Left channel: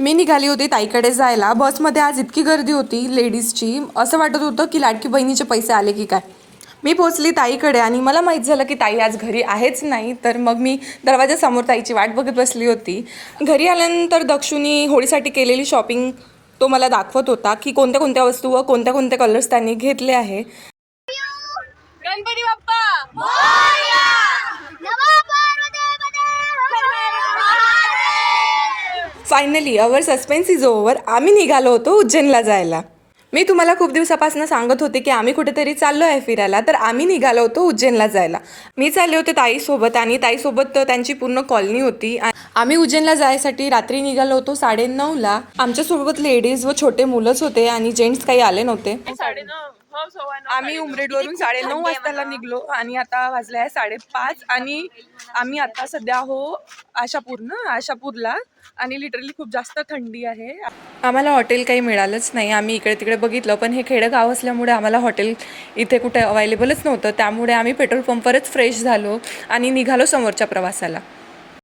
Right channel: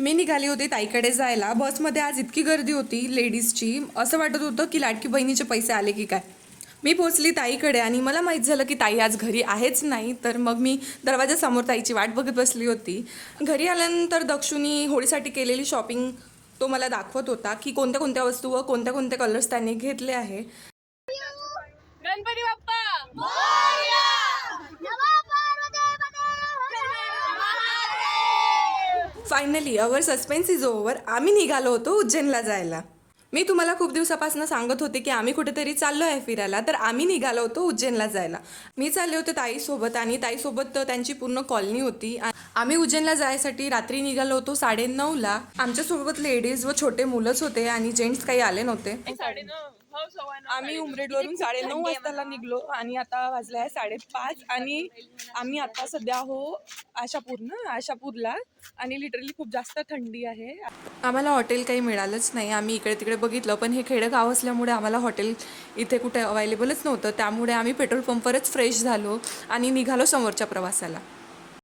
मी निघाली होती ताईकडे जायला. बसमध्ये आज इतकी गर्दी होती लेडीजची, असं वाटत होतं की लाडकी बहिणीचे पैसे आले की काय. मी पोचली ताईकडे आणि मला माहीत झालं की ताई आज घरी आहेच नाही. तर मग मी दरवाजासमोर ताईची वाट बघत बसली होती. घरी आल्यानंतर दक्षुनी होळीसाठी केलेली शॉपिंग तो मला दाखवत होता की कोणत्या कोणत्या वस्तू व कोणत्या कोणत्या कलर्स त्यांनी घेतले आहे. Ganpati Bappa finally our suspense is over. आम्ही निघालो होतो उज्जैनला जायला. मी तुम्हाला खूप दिवसापासून सांगत होते की आम्ही कुठेतरी चाललो आहे फिरायला. तर आम्ही निघालो होतो उज्जैनला जायला. मी चालले होते ताईसोबत आणि ताईसोबत त्यांची पूर्ण कॉलनी होती. आम्ही उज्जैनला जायसाठी रात्री निघालो होतो 9:30ला. आमच्यासोबत लेडीज व छोटे मुलंच होते आणि जेंट्स काही आले नव्हते. 9:30 आम्ही उमरेडवरून 9:30 वाजताला निघलो आणि आता वाजले आहे 5:30 आणि आम्ही आता सध्या आशापूरला आणि लिटरली खूप जास्त थंडी आहे. आम्हाला हॉटेल काही मिळालंच नाही. आम्ही इकडे तिकडे बघितलं पण हे खेडेगाव असल्यामुळे आम्हाला हॉटेल इथे कुठे अवेलेबलच नव्हतं. त्यामुळे आम्ही पेट्रोल पंपवरच फ्रेश झालो आणि निघालो समोरच्या प्रवासाला.